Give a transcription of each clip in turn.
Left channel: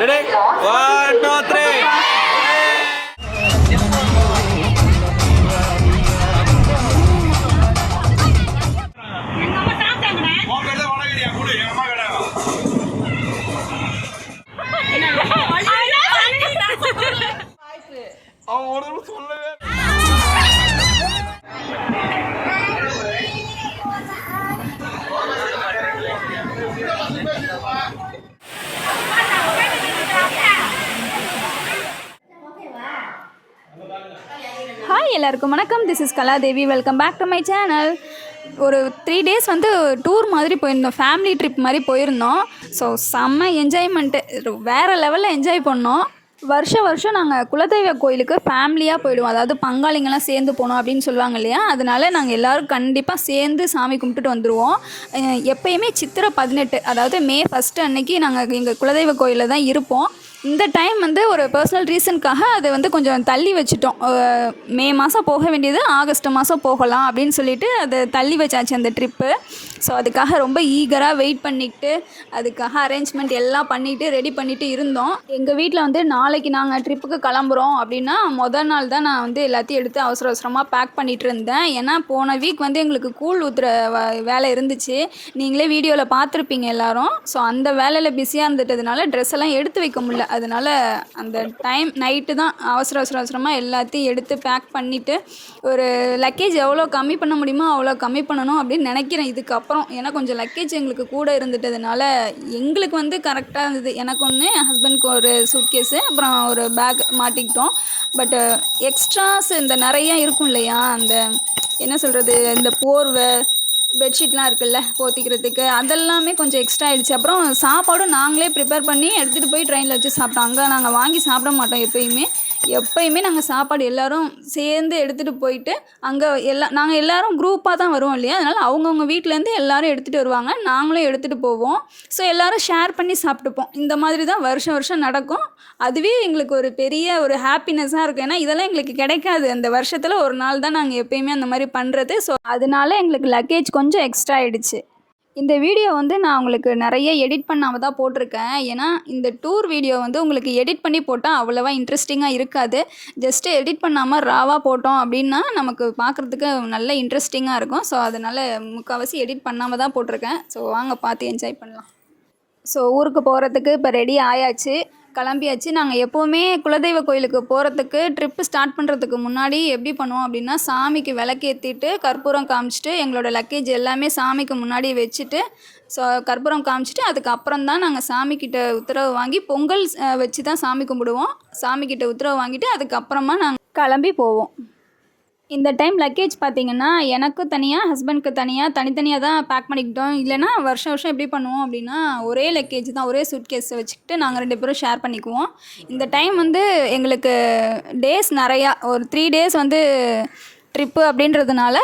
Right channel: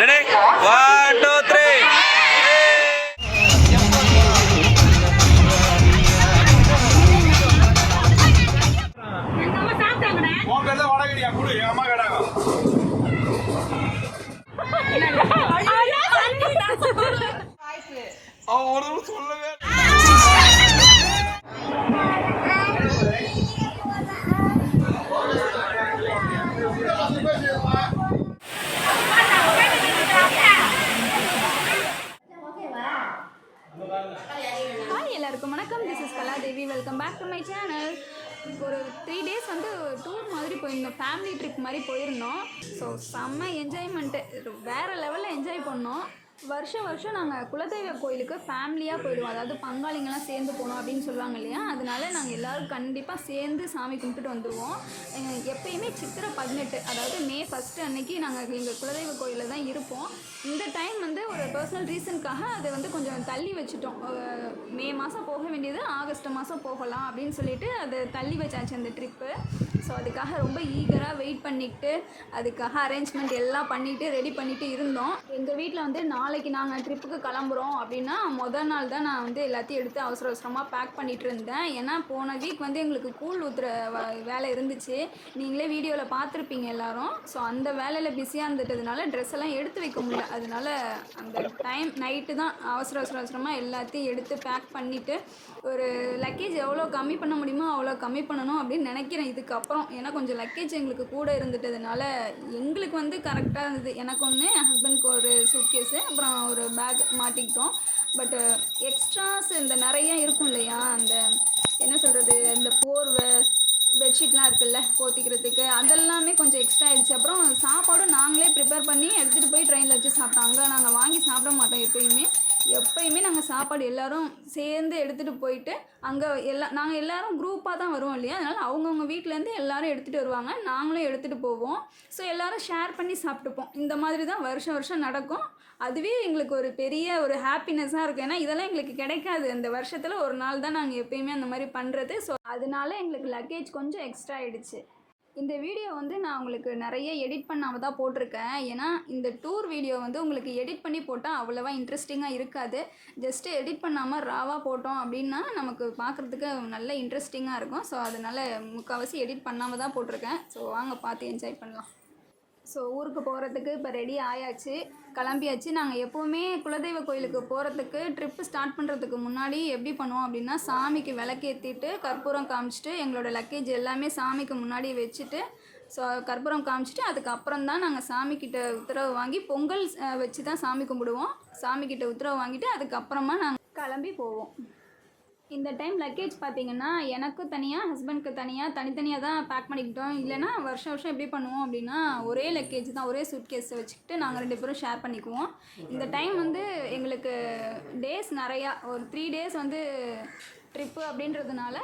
Ready. One two three hi எல்லாருக்கும் வணக்கம். This is Kaladevi. Welcome back to my channel ஒரு three days வந்து tour மாதிரி போயிருந்தோம். ஃபேமிலி ட்ரிப் மாதிரி போயிருந்தோம். ஸோ செம்ம என்ஜாய்மெண்ட்டு வேறு லெவலில் என்ஜாய் பண்ணோம். வருஷம் வருஷம் நாங்கள் குலதெய்வ கோயிலுக்கு ஃபேமிலியாக போயிடுவோம். அதாவது பங்காளிங்கெல்லாம் சேர்ந்து போகணும் அப்படின்னு சொல்லுவாங்க இல்லையா? அதனால நாங்கள் எல்லோரும் கண்டிப்பாக சேர்ந்து சாமி கும்பிட்டுட்டு வந்துடுவோம் எப்பயுமே சித்திரை பதினெட்டு அதாவது மே ஃபஸ்ட்டு அன்னைக்கு நாங்கள் எங்கள் குலதெய்வ கோயிலில் தான் இருப்போம். இந்த டைம் வந்து ஒரு பர்சனல் ரீசனுக்காக அதை வந்து கொஞ்சம் தள்ளி வச்சுட்டோம். மே மாதம் போக வேண்டியது ஆகஸ்ட் மாதம் போகலாம் அப்படின்னு சொல்லிட்டு அதை தள்ளி வச்சாச்சு அந்த ட்ரிப்பு ஸோ அதுக்காக ரொம்ப ஈகராக வெயிட் பண்ணிக்கிட்டு அதுக்காக அரேஞ்ச்மெண்ட் எல்லாம் பண்ணிவிட்டு ரெடி பண்ணிவிட்டு இருந்தோம். எங்கள் வீட்டில் வந்து நாளைக்கு நாங்கள் ட்ரிப்புக்கு கிளம்புறோம் அப்படின்னா மொதல் நாள் தான் நான் வந்து எல்லாத்தையும் எடுத்து அவசர அவசரமாக பேக் பண்ணிகிட்டு இருந்தேன். ஏன்னா போன வீக் வந்து எங்களுக்கு கூழ் ஊற்றுற வ- வேலை இருந்துச்சு. நீங்களே வீடியோவில் பார்த்துருப்பீங்க எல்லாரும். ஸோ அந்த வேலையில் பிஸியாக இருந்துட்டதுனால ட்ரெஸ் எல்லாம் எடுத்து வைக்க முடியல. அதனால் அந்த டைம் நைட்டு தான் அவசர அவசர அவசரமாக எல்லாத்தையும் எடுத்து பேக் பண்ணிவிட்டு ஒரு லக்கேஜ் எவ்வளோ கம்மி பண்ண முடியுமோ அவ்வளோ கம்மி பண்ணணும் அப்படின்னு நினைக்கிறேன். இதுக்கப்புறம் ஏன்னா கொஞ்சம் லக்கேஜ் எங்களுக்கு கூட இருந்துட்டதுனால எங்களுக்கு வந்து கரெக்டாக இருந்தது. எனக்கு ஒன்று என் ஹஸ்பண்ட்க்கு ஒரு சூட்கேஸு அப்புறம் ஒரு பேக் மாட்டிக்கிட்டோம். பட்டு எக்ஸ்ட்ராஸ் இந்த நிறையா இருக்கும் இல்லையா? அந்த என்ன சொல்கிறது இந்த போர்வை பெட்ஷீட்லாம் இருக்குல்ல போத்திக்கிறதுக்கு. அதெல்லாமே கொஞ்சம் எக்ஸ்ட்ரா ஆகிடுச்சு அப்புறம் சாப்பாடும் நாங்களே ப்ரிப்பேர் பண்ணி எடுத்துகிட்டு போய் ட்ரெயினில் வச்சு சாப்பிட்டோம். அங்கே நாங்கள் வாங்கி சாப்பிட மாட்டோம் எப்பயுமே. எப்பயுமே நாங்கள் சாப்பாடு எல்லோரும் சேர்ந்து எடுத்துகிட்டு போயிட்டு அங்கே எல்லா நாங்கள் எல்லோரும் குரூப்பாக தான் வருவோம் இல்லையா? அதனால் அவங்கவுங்க வீட்டிலேருந்து எல்லோரும் எடுத்துகிட்டு வருவாங்க. நாங்களும் எடுத்துகிட்டு போவோம். ஸோ எல்லாரும் ஷேர் பண்ணி சாப்பிட்டுப்போம். இந்த மாதிரி தான் வருஷம் வருஷம் நடக்கும். அதுவே எங்களுக்கு ஒரு பெரிய ஒரு ஹாப்பினஸ்ஸாக இருக்கும். ஏன்னா இதெல்லாம் எங்களுக்கு கிடைக்காது. அந்த வருஷத்தில் ஒரு நாள் தான் நாங்கள் எப்பயுமே அந்த மாதிரி பண்ணுறது ஸோ அதனால எங்களுக்கு லக்கேஜ் கொஞ்சம் எக்ஸ்ட்ரா ஆகிடுச்சு இந்த வீடியோ வந்து நான் உங்களுக்கு நிறைய எடிட் பண்ணாமல் தான் போட்டிருக்கேன். ஏன்னா இந்த டூர் வீடியோ வந்து உங்களுக்கு எடிட் பண்ணி போட்டால் அவ்வளோவா இன்ட்ரெஸ்டிங்காக இருக்காது. ஜஸ்ட்டு எடிட் பண்ணாமல் ராவாக போட்டோம் அப்படின்னா நமக்கு பார்க்குறதுக்கு நல்ல இன்ட்ரெஸ்டிங்காக இருக்கும். ஸோ அதனால் முக்கால்வாசி எடிட் பண்ணாமல் தான் போட்டிருக்கேன். ஸோ வாங்க பார்த்து என்ஜாய் பண்ணலாம். ஸோ ஊருக்கு போகிறதுக்கு இப்போ ரெடி ஆயாச்சு. கிளம்பியாச்சு. நாங்கள் எப்போவுமே குலதெய்வ கோயிலுக்கு போகிறதுக்கு ட்ரிப்பு ஸ்டார்ட் பண்ணுறதுக்கு முன்னாடி எப்படி பண்ணுவோம் அப்படின்னா சாமிக்கு விளக்கேற்றிட்டு கற்பூரம் காமிச்சிட்டு எங்களோட லக்கேஜ் எல்லாமே சாமிக்கு முன்னாடி வச்சுட்டு ஸோ கற்பூரம் காமிச்சிட்டு அதுக்கப்புறம் தான் நாங்கள் சாமிக்கிட்ட உத்தரவு வாங்கி பொங்கல் வச்சு தான் சாமி கும்பிடுவோம். சாமிக்கிட்ட உத்தரவு வாங்கிட்டு அதுக்கப்புறமா நாங்கள் கிளம்பி போவோம். இந்த டைம் லக்கேஜ் பார்த்தீங்கன்னா எனக்கு தனியாக ஹஸ்பண்ட்க்கு தனியாக தனித்தனியாக தான் பேக் பண்ணிக்கிட்டோம். இல்லைன்னா வருஷம் வருஷம் எப்படி பண்ணுவோம் அப்படின்னா ஒரே லக்கேஜ் தான் ஒரே சூட்கேஸை வச்சுக்கிட்டு நாங்கள் ரெண்டு பேரும் ஷேர் பண்ணிக்குவோம். இந்த டைம் வந்து எங்களுக்கு டேஸ் நிறையா ஒரு த்ரீ டேஸ் வந்து ட்ரிப்பு அப்படின்றதுனால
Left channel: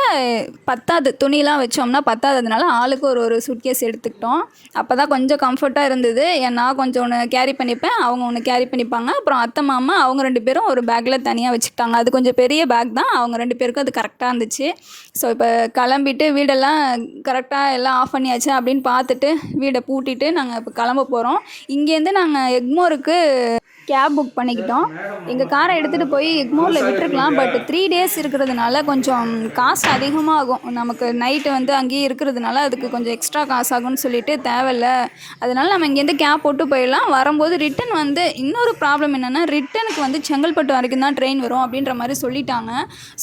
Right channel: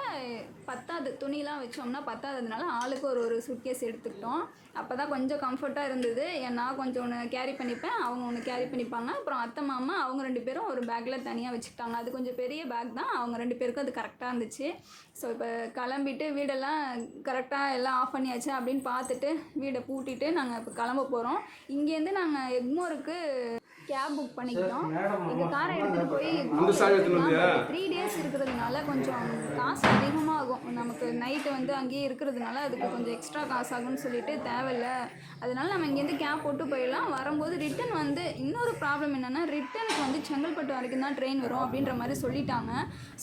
பத்தாது. துணிலாம் வச்சோம்னா பத்தாததுனால ஆளுக்கு ஒரு ஒரு சூட்கேஸ் எடுத்துக்கிட்டோம். அப்போ தான் கொஞ்சம் கம்ஃபர்ட்டாக இருந்தது. ஏன் நான் கொஞ்சம் ஒன்று கேரி பண்ணிப்பேன். அவங்க ஒன்று கேரி பண்ணிப்பாங்க. அப்புறம் அத்தை மாமா அவங்க ரெண்டு பேரும் ஒரு பேக்கில் தனியாக வச்சுக்கிட்டாங்க. அது கொஞ்சம் பெரிய பேக் தான். அவங்க ரெண்டு பேருக்கும் அது கரெக்டாக இருந்துச்சு. ஸோ இப்போ கிளம்பிட்டு வீடெல்லாம் கரெக்டாக எல்லாம் ஆஃப் பண்ணியாச்சு அப்படின்னு பார்த்துட்டு வீடை பூட்டிட்டு நாங்கள் இப்போ கிளம்ப போகிறோம் இங்கேருந்து நாங்கள் எக்மோருக்கு கேப் புக் பண்ணிக்கிட்டோம். எங்கள் காரை எடுத்துகிட்டு போய் எக்மோரில் விட்டுருக்கலாம். பட் த்ரீ டேஸ் இருக்கிறதுனால கொஞ்சம் காசு அதிகமாகும். நமக்கு நைட்டு வந்து அங்கேயே இருக்கிறதுனால அதுக்கு கொஞ்சம் எக்ஸ்ட்ரா காசு ஆகும்னு சொல்லிட்டு தேவையில்ல. அதனால நம்ம இங்கேருந்து கேப் போட்டு போயிடலாம். வரும்போது ரிட்டன் வந்து இன்னொரு ப்ராப்ளம் என்னென்னா ரிட்டனுக்கு வந்து செங்கல்பட்டு வரைக்கும் தான் ட்ரெயின் வரும் அப்படின்ற மாதிரி சொல்லிட்டாங்க.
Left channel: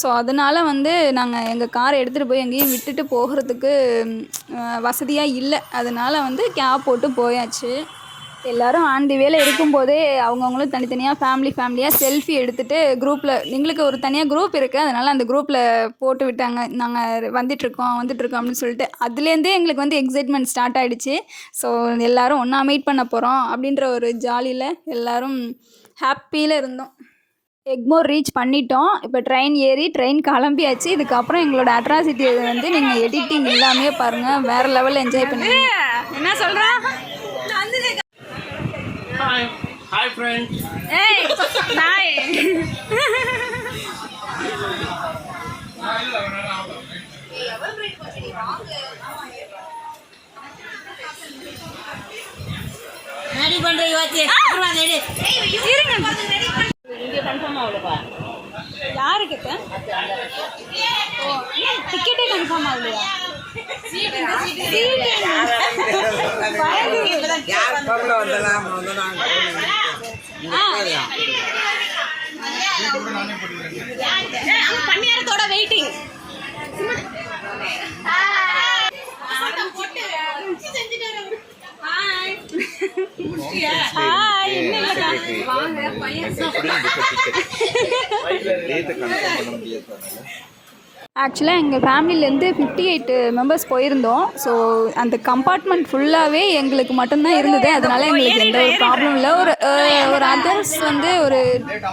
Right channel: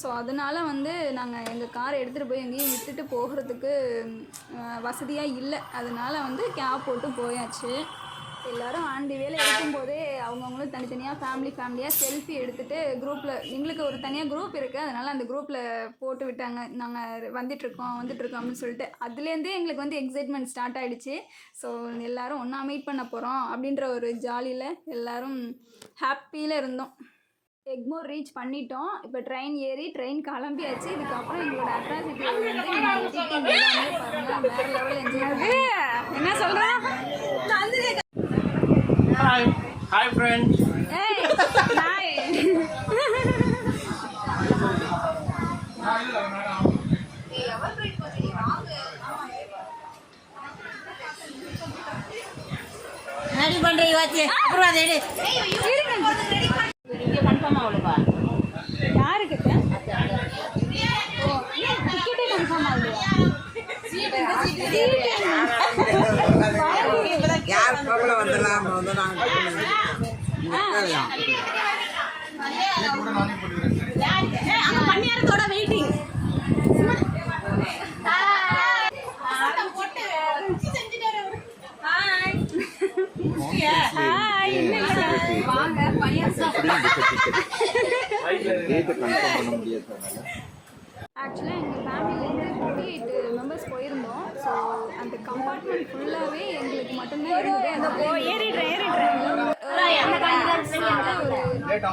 ஸோ அதனால் வந்து நாங்கள் எங்கள் காரை எடுத்துகிட்டு போய் எங்கேயும் விட்டுட்டு போகிறதுக்கு வசதியாக இல்லை. அதனால் வந்து கேப் போட்டு போயாச்சு. எல்லாரும் ஆன் தி வேல இருக்கும்போதே அவங்கவுங்களும் தனித்தனியாக ஃபேமிலி ஃபேமிலியாக செல்ஃபி எடுத்துகிட்டு குரூப்பில் எங்களுக்கு ஒரு தனியாக குரூப் இருக்குது அதனால் அந்த குரூப்பில் போட்டு விட்டாங்க. நாங்கள் வந்துட்டுருக்கோம் வந்துட்டுருக்கோம் அப்படின்னு சொல்லிட்டு அதுலேருந்தே எங்களுக்கு வந்து எக்ஸைட்மெண்ட் ஸ்டார்ட் ஆகிடுச்சு ஸோ எல்லாரும் ஒன்றா மீட் பண்ண போகிறோம் அப்படின்ற ஒரு ஜாலியில் எல்லாரும் ஹாப்பியில் இருந்தோம். எக்மோர் ரீச் பண்ணிட்டோம். இப்போ ட்ரெயின் ஏறி ட்ரெயின் கிளம்பியாச்சு. இதுக்கப்புறம் எங்களோட அட்ராசிட்டி வந்து நீங்கள் எடிட்டிங் எல்லாமே பாருங்கள் வேறு லெவலில் என்ஜாய் பண்ணுங்க. என்ன சொல்கிறோம் ஹாய் ஹாய் ஃப்ரெண்ட்ஸ் ஏய் நாய் அடி பண்றது வாச்சு அப்புறம் எடு இருங்க கன்ஃபார்ம் ஆகலப்பா யாருக்கு ஓ டிக்கெட்டே கன்ஃபார்ம் ஆகலையா? கன்னியாரத்தோட வெயிட்டிங் டேட்டை கன்ஃபார்ம் பண்ண முடியாது ஆக்சுவலாக எங்கள் ஃபேமிலியிலேருந்து ஃபிஃப்டி எயிட் மெம்பர்ஸ் போயிருந்தோம். ஸோ அந்த கம்பார்ட்மெண்ட் ஃபுல்லாகவே எங்களுக்கு மட்டும்தான் இருந்தது. அதனால எங்களுக்கு எந்த ஒரு ப்ராப்ளம் இல்லை. ஒரு ஒரு அதர்ஸ் வந்து ஒரு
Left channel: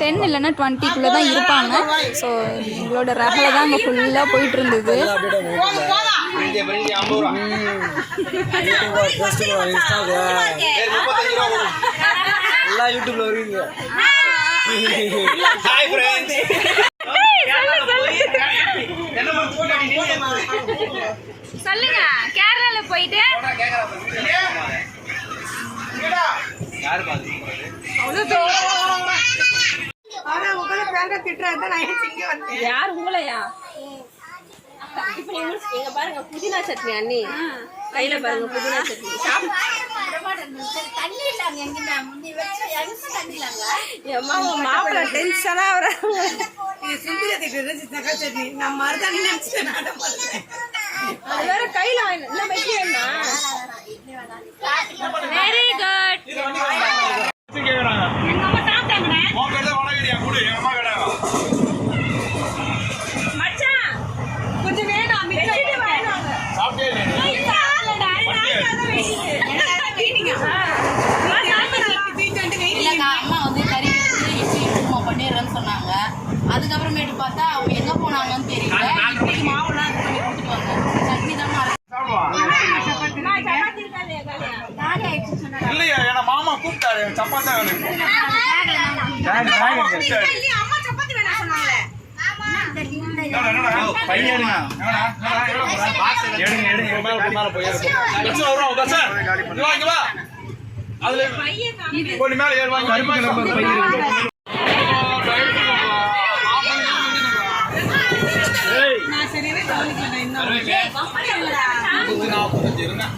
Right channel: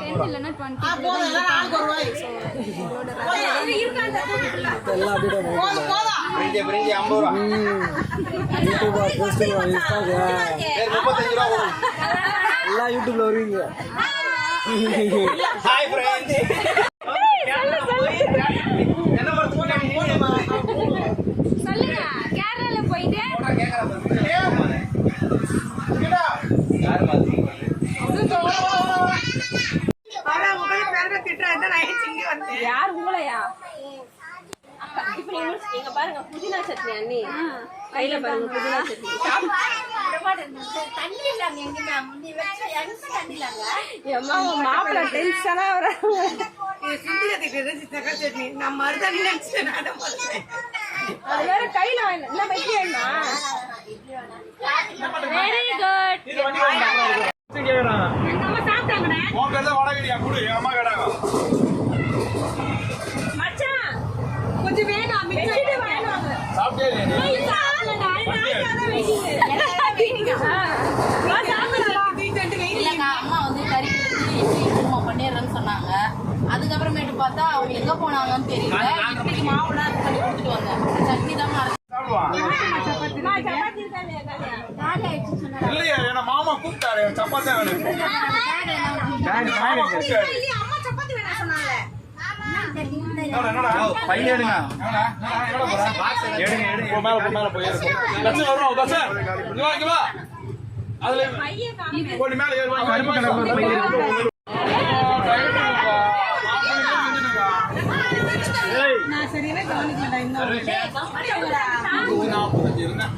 டென் இல்லைன்னா டுவெண்ட்டிக்குள்ளே தான் இருப்பாங்க. ஸோ எங்களோட ரகலை தான் அங்கே ஃபுல்லாக போயிட்டு இருந்தது எல்லாம் யூடியூப்ல வருவீங்க ஹாய் ஃப்ரெண்ட்ஸ் என்ன பண்ணுறீங்க சொல்லுங்க கேரளால போயிட்டு. யார் உங்களையா? இப்ப இங்க பாருங்க புதினா சட்னி அண்ணி. கையில பாருங்க புதினா சட்னி. மாப்பிள்ள டென்ஷனா வர அது வேற கையில இல்ல வேண்டாம் வெரி குட் எங்க அம்மா சாப்பிட்டாங்கண்ணே? உன் பேர் தான் வடகடியா கொடு என் அம்மா கேட்டாங்க மச்சான் கொஞ்சம் வேணும் வச்சுட்டு வேணும் சாப்பிட்டே இல்லையா நீ? இல்லைங்க அம்மா வந்து கறி எடுத்து இட்லி குருமா பண்ணிடுறேன்னு சொன்னாங்க அதுக்கப்புறமேட்டு பார்த்தா அவங்க எங்கே போனாங்கன்னு தெரியல இட்லிக்கு மாவுலாம் இது பண்ணி கொடுத்துட்டு வந்தேன் சட்னி தான் இல்லையா என்ன மாமா கூப்பிட்டாரு சப்பாத்தி வேணும் பையன் எடுங்க எடுங்க எடுங்க மேல மேல போயிருக்கும் தர்ஷன் வருவோம் தர்ஷன் இங்க வா, இங்க வா அதுல போடி மேல ஏறு வாங்க கருப்பு கலர் பையன் சரியாவே கவனிக்கலடா இன்னும் நாற்பத்தஞ்சு இருந்தேன்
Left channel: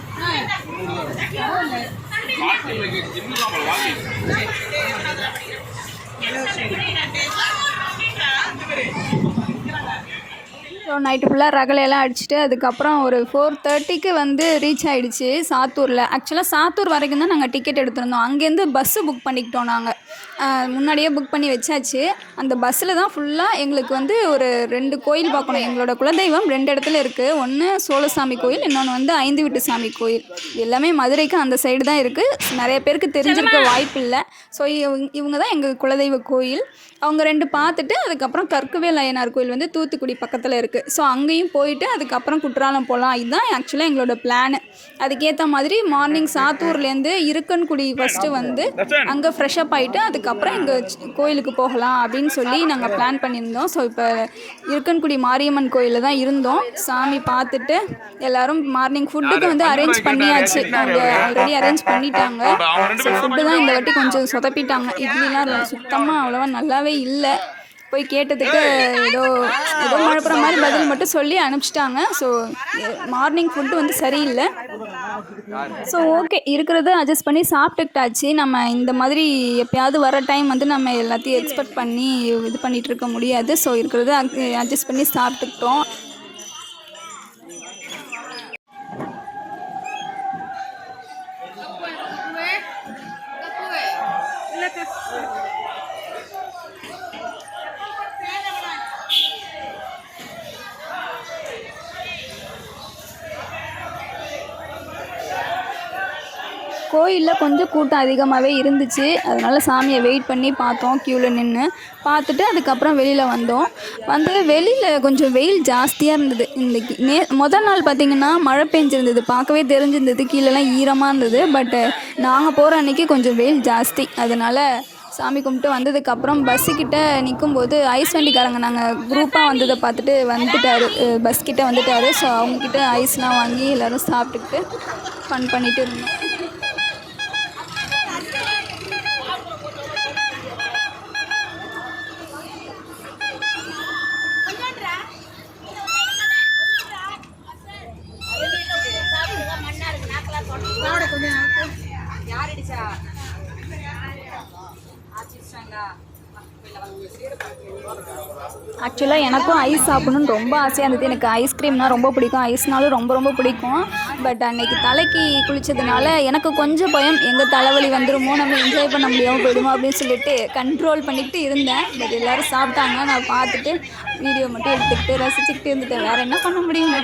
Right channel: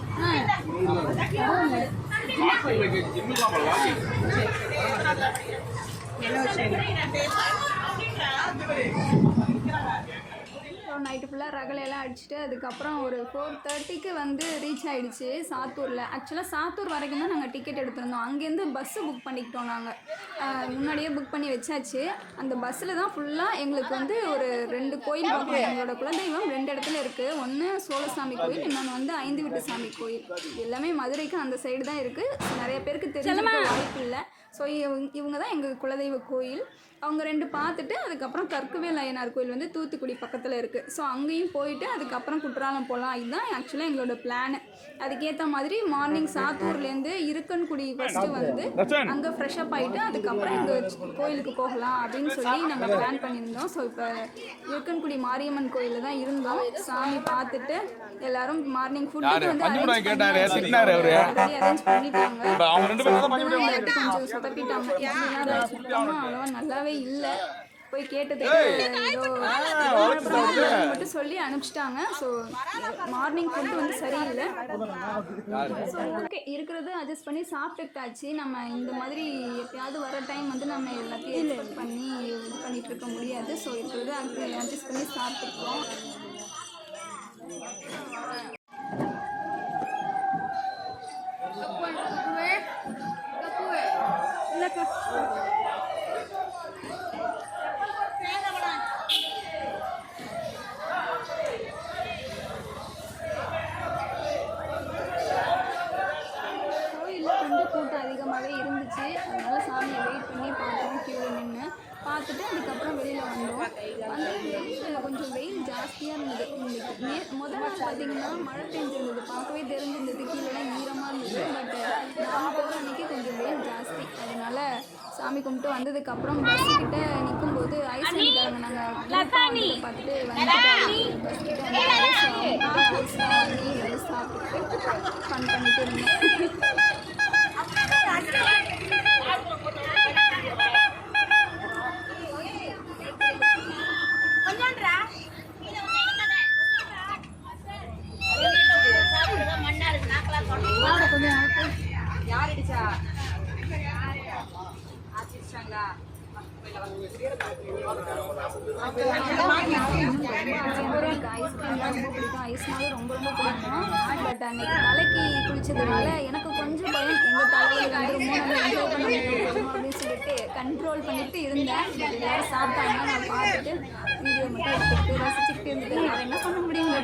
ஸோ நைட்டு ஃபுல்லாக ரகலையெல்லாம் அடிச்சுட்டு அதுக்கப்புறம் ஒரு ஃபோர் தேர்ட்டிக்கு வந்து ரீச் ஆயிடுச்சு சாத்தூரில். ஆக்சுவலாக சாத்தூர் வரைக்கும் தான் நாங்கள் டிக்கெட் எடுத்திருந்தோம். அங்கேருந்து பஸ்ஸு புக் பண்ணிக்கிட்டோம் நாங்கள் முன்னாடியே புக் பண்ணி வச்சாச்சு. அந்த பஸ்ஸில் தான் ஃபுல்லாக எங்களுக்கு வந்து ஒரு ரெண்டு கோயில் பார்க்கணும். எங்களோட குலதெய்வம் ரெண்டு இடத்துல இருக்குது ஒன்று சோழசாமி கோயில் இன்னொன்று வந்து ஐந்து வீட்டு சாமி கோயில். எல்லாமே மதுரைக்கு அந்த சைடு தான் இருக்குது நிறைய பேருக்கு தெரிஞ்சிருக்க வாய்ப்பு இல்லை. ஸோ இவங்க தான் எங்கள் குலதெய்வ கோயில். அவங்க ரெண்டு பார்த்துட்டு அதுக்கப்புறம் கற்குவேல் அய்யனார் கோயில் வந்து தூத்துக்குடி பக்கத்தில் இருக்குது ஸோ அங்கேயும் போயிட்டு அதுக்கப்புறம் குற்றாலம் போகலாம். இதுதான் ஆக்சுவலாக எங்களோட பிளான் அதுக்கேற்ற மாதிரி மார்னிங் சாத்தூர்லேருந்து இருக்கன்குடி ஃபஸ்ட்டு வந்து அங்கே ஃப்ரெஷ்அப் ஆகிட்டு அதுக்கப்புறம் இங்கே கோயிலுக்கு போகலாம் அப்படின்னு சொல்லி நாங்கள் பிளான் பண்ணியிருந்தோம். ஸோ இப்போ இருக்கன்குடி மாரியம்மன் கோயிலில் தான் இருந்தோம். சாமி பார்த்துட்டு எல்லாரும் மார்னிங் ஃபுட்டுக்கு வந்து அரேஞ்ச் பண்ணியாச்சு. ஆல்ரெடி அரேஞ்ச் பண்ணிட்டாங்க. ஸோ ஃபுட்டு தான் இந்த வாட்டி கொஞ்சம் சொதப்பிட்டாங்க. இட்லிலாம் சுத்தமாக அவ்வளோவா நல்லாவே இல்லை. போய் கேட்டதுக்கு ஏதோ மாதிரி பதில் மட்டும் சொல்லி அனுப்பிச்சிட்டாங்க. ஸோ மார்னிங் ஃபுட்டு வந்து சரியில்லை. ஸோ ஓகே இருக்கிறத அட்ஜஸ்ட் பண்ணி சாப்பிட்டுக்கிட்டாச்சு. நம்ம இந்த மாதிரி எப்பயாவது வர டைம் வந்து நம்ம எல்லாத்தையும் எக்ஸ்பெக்ட் பண்ணி இது பண்ணிகிட்டு இருக்க முடியாது. ஸோ இருக்கிறத அட்ஜஸ்ட் பண்ணி சாப்பிட்டுக்கிட்டோம். கோயிலில் கொஞ்சம் கூட்டம் அதிகமாகவே இருந்துச்சு. அதனால் சாமியை வெயிட் பண்ணி பார்த்தோம் க்யூவில் நின்று பார்த்துட்டு அதுக்கப்புறம் வெளியில் வந்தோம். வந்து வெளியில் கொஞ்சம் வெயில் ஜாஸ்தியாக இருந்தது. இன்றைக்கி நே முதல் நாள் பார்த்திங்கன்னா மழை பெஞ்சிருந்தது. பார்க்கவே தெரிஞ்சிருந்தது. கீழெல்லாம் ஈரமாக இருந்தது. பட்டு நாங்கள் போகிற அன்றைக்கி கொஞ்சம் வெயில் ஜாஸ்தி. அதனால் சாமி கும்பிட்டு வந்ததுக்கப்புறம் பஸ்ஸுக்கிட்ட நிற்கும்போது ஐஸ் வண்டிக்காரங்க நாங்கள் குரூப்பாக வந்ததை பார்த்துட்டு வந்துட்டாரு. பஸ் வந்துட்டார். ஸோ அவங்கக்கிட்ட ஐஸ்லாம் வாங்கி எல்லோரும் சாப்பிட்டுக்கிட்டு ஃபன் பண்ணிட்டு இருந்தோம். சாப்பிடணும்னு ரொம்ப ஆசையாக இருந்தது. எனக்கு ஐஸ்கிரீம்னால் ரொம்ப பிடிக்கும். ஐஸ்னாலும் ரொம்ப ரொம்ப பிடிக்கும். பட் அன்னைக்கு தலைக்கு குளித்ததுனால எனக்கு கொஞ்சம் பயம். எங்கள் தலைவலி வந்துடுமோ நம்ம என்ஜாய் பண்ண முடியாமல் போயிடுமோ அப்படின்னு சொல்லிட்டு கண்ட்ரோல் பண்ணிட்டு இருந்தேன். பட் எல்லோரும் சாப்பிட்டாங்க. நான் பார்த்துட்டு வீடியோ மட்டும் எடுத்துக்கிட்டு ரசிச்சுக்கிட்டு இருந்துட்டேன். வேறு என்ன பண்ண முடியும்?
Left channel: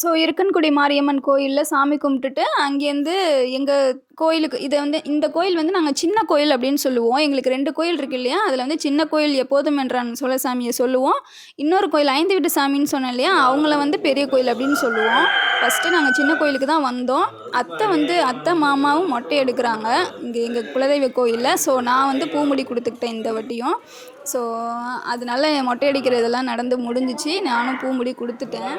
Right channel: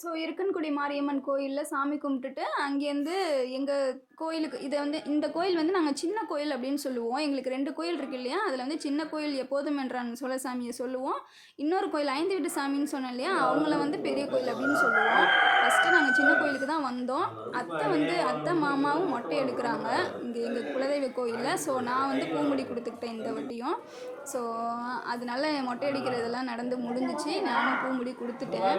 ஸோ இருக்கன்குடி மாரியம்மன் கோயிலில் சாமி கும்பிட்டுட்டு அங்கேருந்து எங்கள் கோயிலுக்கு இதை வந்து இந்த கோயில் வந்து நாங்கள் சின்ன கோயில் அப்படின்னு சொல்லுவோம். எங்களுக்கு ரெண்டு கோயில் இருக்கு இல்லையா? அதில் வந்து சின்ன கோயில் எப்போதும் என்றான் சோழசாமியை சொல்லுவோம். இன்னொரு கோயில் ஐந்து வீட்டு சாமின்னு சொன்னேன் இல்லையா? அவங்கள வந்து பெரிய கோயில் அப்படின்னு சொல்லுவோம். ஃபஸ்ட்டு நாங்கள் சின்ன கோயிலுக்கு தான் வந்தோம். அத்தை வந்து அத்தை மாமாவும் மொட்டை எடுக்கிறாங்க இங்கே எங்கள் குலதெய்வ கோயிலில். ஸோ நான் வந்து பூமுடி கொடுத்துக்கிட்டேன் இந்த வட்டியும். ஸோ அதனால மொட்டை அடிக்கிறதெல்லாம் நடந்து முடிஞ்சிச்சு. நானும் பூமுடி கொடுத்துட்டேன்.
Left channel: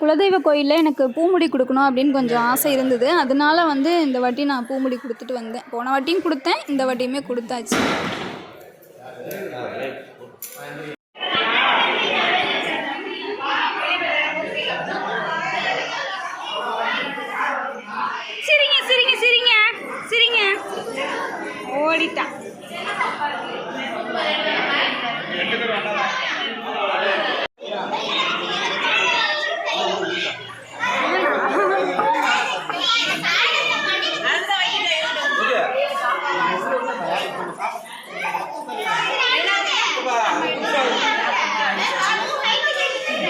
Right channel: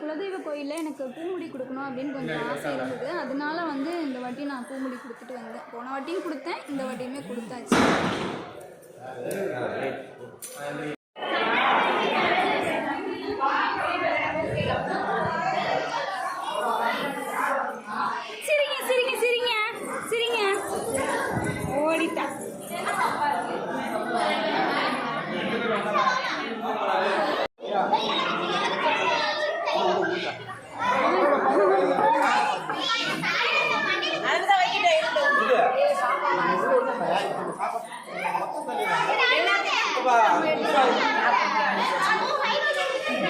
குலதெய்வ கோயிலில் எனக்கு பூமுடி கொடுக்கணும் அப்படின்னு கொஞ்சம் ஆசை இருந்தது. அதனால வந்து இந்த வாட்டி நான் பூமுடி கொடுத்துட்டு வந்தேன். போன வாட்டியும் கொடுத்தேன் இந்த வாட்டியுமே கொடுத்தாச்சு. சிரிங்க சிரிங்க சிரிங்க. சிரிங்க. ஓடிட்டா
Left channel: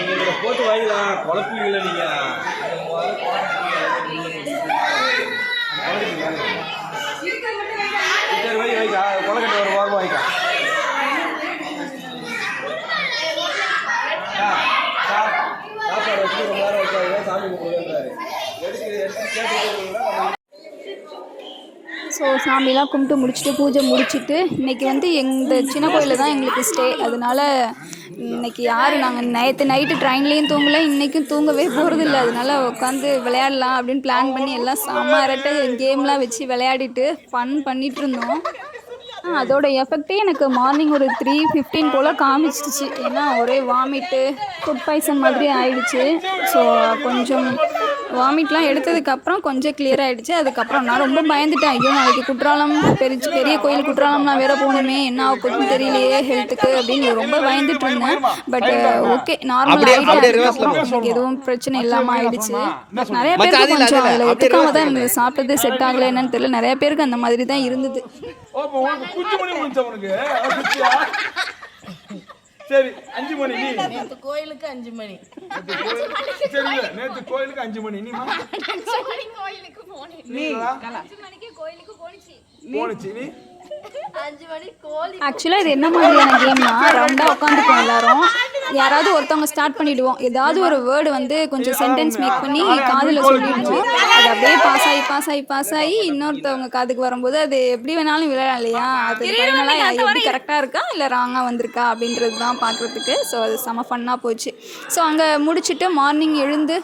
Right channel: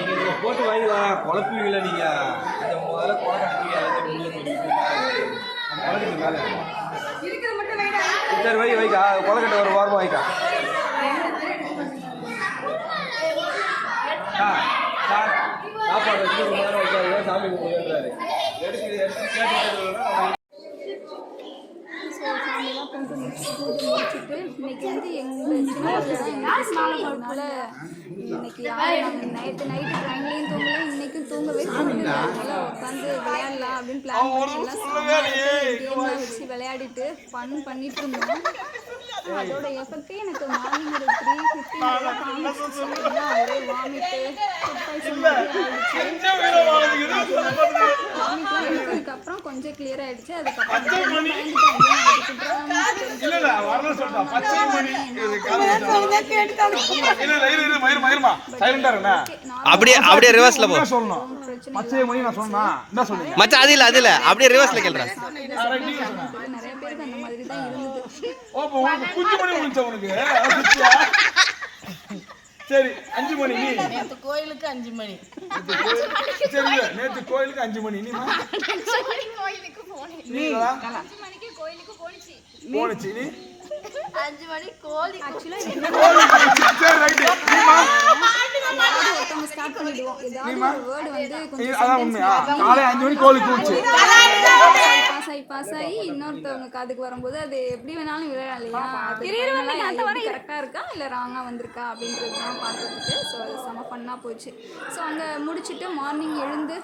நீங்க போட்டு வாங்கிக்கலாம் குழப்பீங்கள நீங்க அதை முதல்ல குழப்பீங்க, அதுக்கு உள்ள போய் குழப்பீங்க மேல. சரி வை வைக்கா கொலக்கட்டை ஒரு வாரம் வாங்கிக்கா சார், சார், சாப்பாடு வச்சு ரொம்ப நேரம் வைக்காதீங்க சாமி கும்பிடுன்றாரு எடுத்து எடுத்து ஸோ சாமிலாம் கும்பிட்டு முடிச்சுட்டு பூஜை முடிச்சுட்டு இன்னைக்கு வந்து எங்கள் சின்ன கோயிலில் தான் எங்களுக்கு ஸ்டே அதனால இன்னைக்கு யார் நாங்கள் நேற்று நைட்டு ட்ரெயின்லேயும் தூங்கல இன்றைக்கும் தூங்கவே போகிறதில்ல அதனால் உட்காந்து விளையாடலாம் அப்படின்னு பிளான் பண்ணி எல்லாம் சாமாரிட்டு கேம்லாம் வச்சு விளையாடிட்டு ஃபன் பண்ணிகிட்டு இருந்தோம். அதோட எஃபெக்டே எனக்கு மார்னிங் ஒரு த்ரீ ஃபிஃப்டீன் போல் காமிச்சிடுச்சு ஏன்னா ஒரே வாமிட்டு ஃபுட் பாய்சன் மாதிரி ஆயிடுச்சு. ஸோ கொஞ்சம் வாமிட்லாம் எடுத்ததுக்கப்புறம் கொஞ்சம் கிளியர் ஆயிடுச்சு. அதுக்கப்புறம் நான் ரொம்ப பயந்துட்டேன். ஐயோ நாளைக்கு குற்றாலம் பெரிய பெரிய கோயில் குற்றாலம் நான் வேற போகணுமே என்ன ஆகும் தெரியலையே ஹெல்த்துக்கு அப்படின்னு ரொம்ப பயந்துட்டு இருந்தேன். பட் ஓகே அப்படியே அப்படியே ரிவர்ஸ்ல போ. எதுவும் பிரச்சனை இல்லாம ஆயிடுச்சு. நிறைய மச்சான், அது இல்ல, அது இல்ல. பேருக்கு. சாப்பிட்டது செட் ஆகல என்னன்னு தெரியல. நிறைய பேருக்கு அந்த மாதிரி தான் இருந்தது. குஞ்சு மணி முடிஞ்ச உனக்கு? சரி அஞ்சு மணி நீ. நேற்று கோயிலுக்கு அஞ்சு மணி. நேத்து சரி நேத்து கோயிலுக்கு அஞ்சு மணி நீ போனுச்சு நீ அஞ்சு மணி கோழி ஆக்சுவலாக இது என்ன மாதிரியான கேம்னா ரவுண்டாக உட்காந்துருக்கோம் எல்லாரும். யாராவது ஒருத்தவங்க ஸ்டார்ட் பண்ணிடுவோம். ஏதாவது ஒரு வேர்டு வந்து கொஞ்சம் சென்டென்ஸ் மேக் பண்ணி காதில் சொல்லிடுவோம் அப்படியே பாஸ் ஆகி பாஸ் ஆகி பாஸ் ஆகி இன்னொருத்தவங்க காதுக்கு வரும்போது அது எப்படி வேணாலும் விளையாடலாம் இல்லையா? அது எப்படி கரெக்டாக இருக்கா? இல்லை ராங்காக வந்திருக்கா? அப்படின்றது தான் பார்க்குறதுக்கு ஸோ அது செம ஃபன்னாக போச்சு. ஸோ அங்கே முடிச்சுட்டு மார்னிங் எழுந்து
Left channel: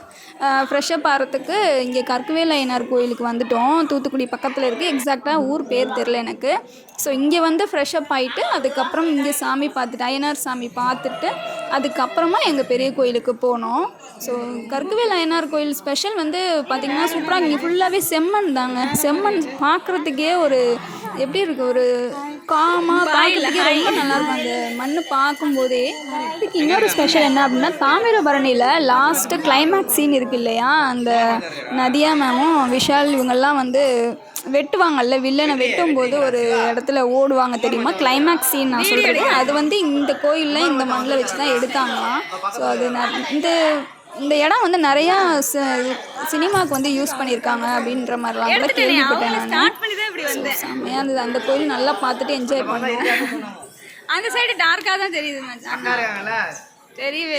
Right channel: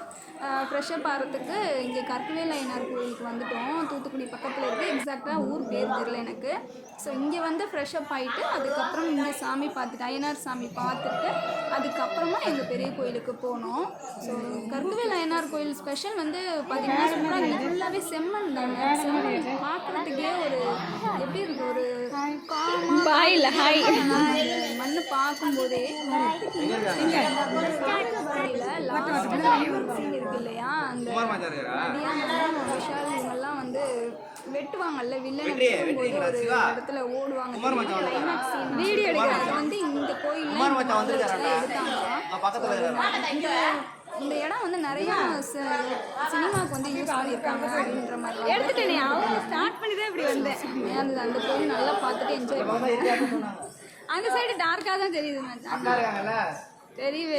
ஃப்ரெஷ்அப் ஆகிறதுக்கு இங்கே கற்கவேல் ஐயனார் கோயிலுக்கு வந்துட்டோம். தூத்துக்குடி பக்கத்தில் இருக்குது எக்ஸாக்டாக ஊர் பேர் தெரில எனக்கு. ஸோ இங்கே வந்து ஃப்ரெஷ்அப் ஆகிட்டு அதுக்கப்புறம் இங்கே சாமி பார்த்துட்டு ஐயனார் சாமி பார்த்துட்டு அதுக்கப்புறமா எங்கள் பெரிய கோயிலுக்கு போனோம். ஸோ கற்கவேல் ஐயனார் கோயில் ஸ்பெஷல் வந்து பார்த்திங்கன்னா சூப்பராக இங்கே ஃபுல்லாகவே செம்மண் தாங்க. செம்மண் பார்க்குறதுக்கே ஒரு எப்படி இருக்கு ஒரு மண் பார்க்கும்போதே இதுக்கு இன்னொரு ஸ்பெஷல் என்ன அப்படின்னா தாமிரபரணியில் லாஸ்ட்டு கிளைமேக்ஸ் சீன் இருக்கு இல்லையா? அந்த நதியா மேமும் விஷால் இவங்கெல்லாம் வந்து வெட்டுவாங்கல்ல வில்லனை வெட்டும் போது ஒரு இடத்துல ஓடுவாங்க தெரியுமா? கிளைமேக்ஸ் சீன் நான் சொல்கிறேன் அது வந்து இந்த கோயிலில் இந்த மண்ணில் வச்சு தான் எடுத்தாங்களாம் ஸோ அது இந்த இந்த இடம் வந்து நிறையா சினிமாவுக்கு வந்து யூஸ் பண்ணியிருக்காங்க அப்படின்ற மாதிரிலாம் கூட கேள்விப்பட்டேன் இருந்தது. அந்த கோயில் நல்லா பார்த்துட்டு என்ஜாய் பண்ணேன். அந்த சைடு டார்க்காக தான் தெரியுது தெரியவே.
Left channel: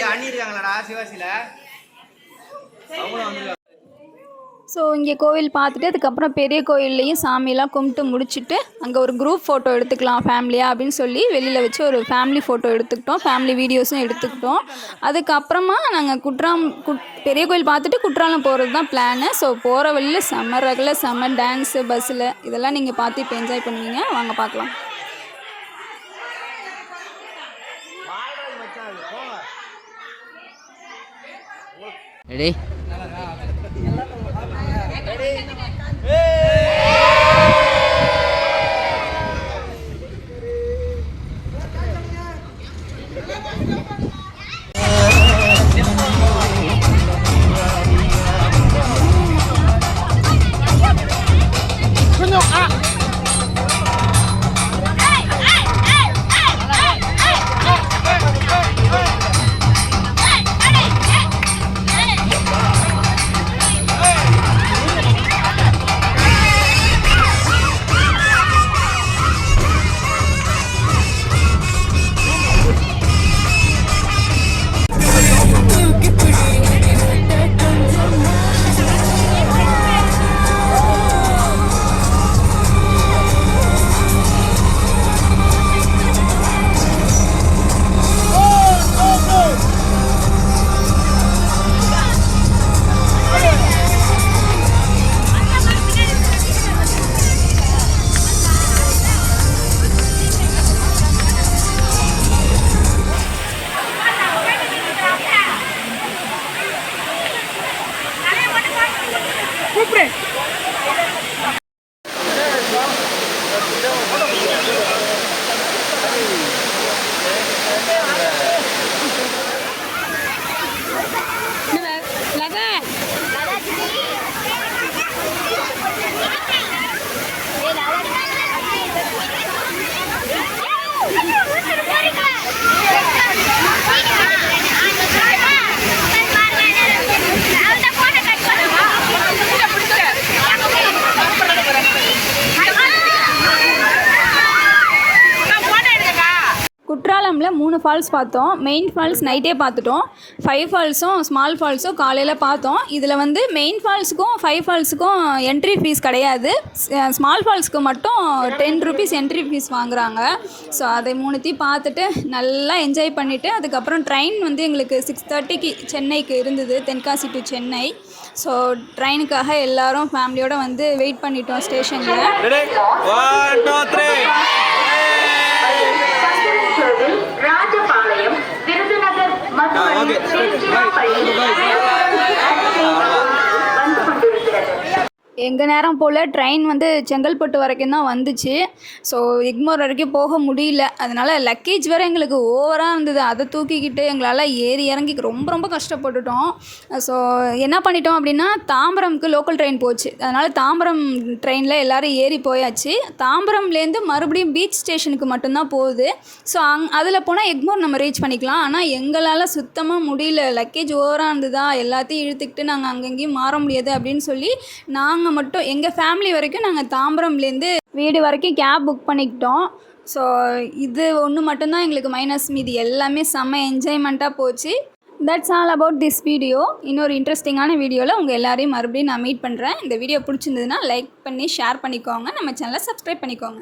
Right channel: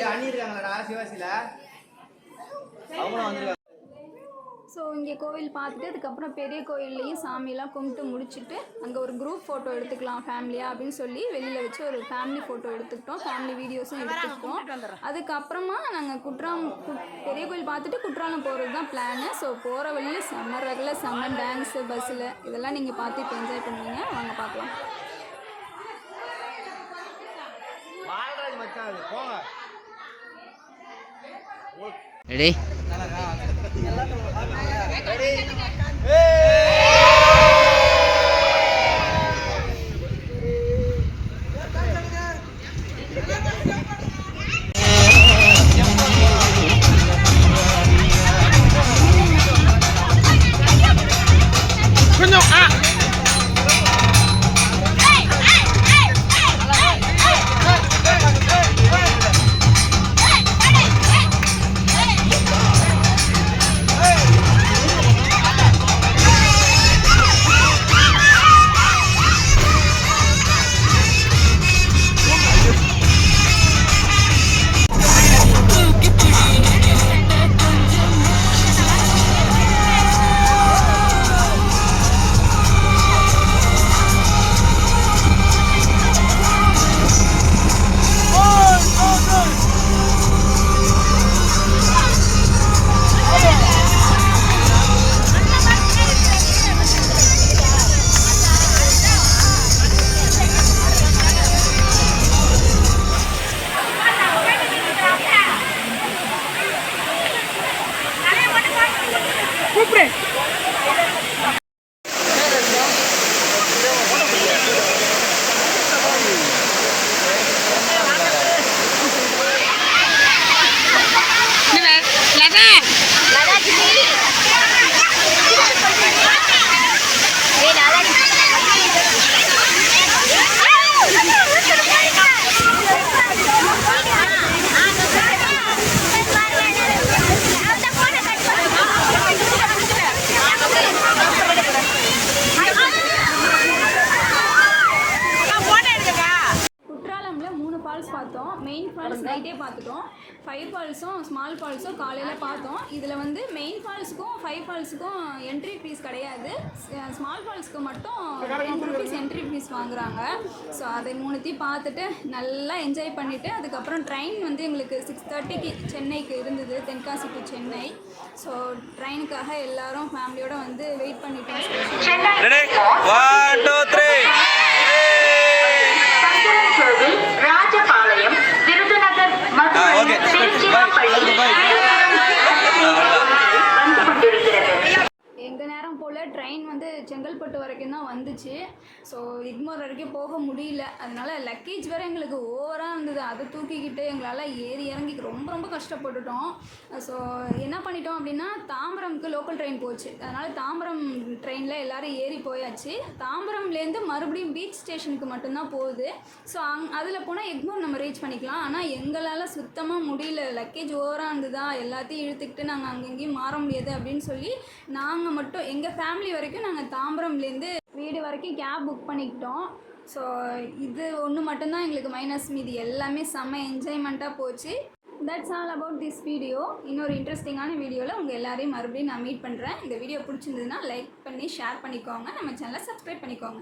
ஸோ இங்கே கோவில் பார்த்துட்டு அதுக்கப்புறம் பெரிய கோயில்லையும் சாமியெல்லாம் கும்பிட்டு முடிச்சுட்டு அங்கே ஒரு குரூப் ஃபோட்டோ எடுத்துக்கலாம் ஃபேமிலியாக அப்படின்னு சொல்லி வெளியில் வச்சு ஒரு ஃபேமிலி ஃபோட்டோ எடுத்துக்கிட்டோம். ஃபேமிலி வீடியோஸும் எடுத்துக்கிட்டோம். அதுக்கப்புறமா நாங்கள் குற்றாம் குட் பெரிய கோயில் பார்த்துட்டு குற்றாலம் போகிறது தான் பிளானு ஸோ போகிற வழியில் செம்ம ரகில் செம்ம டான்ஸு பஸ்ஸில் இதெல்லாம் நீங்கள் பார்த்து இப்போ என்ஜாய் பண்ணுவீங்க. வாங்க பார்க்கலாம். ரெடி குற்றாலமில் மூணு ஃபால்ஸ் பார்த்தோம். மெயின் ஃபால்ஸ் நைட்டே பார்த்துட்டோம். ஃபைவ் ஃபால்ஸும் ஸ்மால் ஃபால்ஸும் காலையில் பார்த்தோம். இதில் வந்து மெயின் ஃபால்ஸுக்கும் ஃபைவ் ஃபால்ஸுக்கும் என்ட்ரி ஃபீஸ் கிடையாது. ஸ்மால் ஃபால்ஸுக்கு மட்டும் டென் ருபீஸ் என்ட்ரி ஃபீஸ் வாங்குறாங்க. ஸோ அதை மூணுத்தையும் பார்த்துட்டு நல்லா என்ஜாய் பண்ணிவிட்டு அதுக்கப்புறம் ட்ரெயின் வந்து எங்களுக்கு சிக்ஸ் தேர்ட்டிக்கு சென்னைக்கு இருந்தது. தென்காசி டு சென்னை. ஸோ ட்ரெயினுக்காக எல்லாரும் ஃபேமிலியோடு வந்து வெயிட் பண்ணிட்டோம் ஸ்டேஷனில் Rajapalayam Virudhunagar okay. Bye bye வந்து கொண்டிருக்கிறது எங்கள் நேரம் போல் ட்ரெயின் வந்து செங்கல்பட்டு வரைக்கும் தான் வந்துச்சு. ஸோ எக்மோர் வரைக்கும் போக முடியல. அதனால் லக்கேஜ் வேறு எங்களுக்கு ஓவராக இருந்தது. அதை தூக்கிக்கிட்டு எங்களால் ஏறி இறங்கி ரொம்ப ரொம்ப கஷ்டப்பட்டுட்டோம். ஸோ என்ன பண்ணிட்டோம் அப்படின்னா தாம்பரம்க்கு லோக்கல் ட்ரெயின் போச்சு. அதனால் தாம்பரம் ட்ரெயினில் எல்லோரும் ஏறி போயாச்சு. தாம்பரம்லேருந்து மறுபடியும் பீச் ஸ்டேஷனுக்கு மட்டும்தான் போகுது. ஸோ அங் அதில் போனால் எக்மோர் நம்ம ரீச் பண்ணிக்கலாம். ஆனால் எங்களால் சுத்தமாக முடியல. லக்கேஜ் ஓவராக இருந்ததா? எல்லாத்தையும் இழுத்துக்கிட்டு நாங்கள் அங்கங்கேயும் மாற முடியாது அப்படின்னு சொல்லி நாங்கள் நாங்கள் மட்டும் எங்கள் ஃபேமிலி வரைக்கும் நாங்கள் தாம்பரம்லேருந்து வீடு வரைக்கும் கேப் புக் பண்ணிக்கிட்டோம். ஸோ இது ஒன்று மட்டும்தான் எங்களுக்கு மைனஸ் மீதி. எல்லாமே செம்ம என்ஜாய்மெண்ட்டாக போச்சு. That's all about this video இன்னொரு இன்ட்ரெஸ்டிங்கான வீடியோவில் உங்கள் எல்லாரையும் மறுபடியும் நான் மீட் பண்ணுறேன் இந்த வீடியோ பிடிச்சிருந்ததுன்னா லைக் பண்ணி ஷேர் பண்ணிக்கோங்க. நம்ம சேனலை சப்ஸ்கிரைப் பண்ணிக்கோங்க.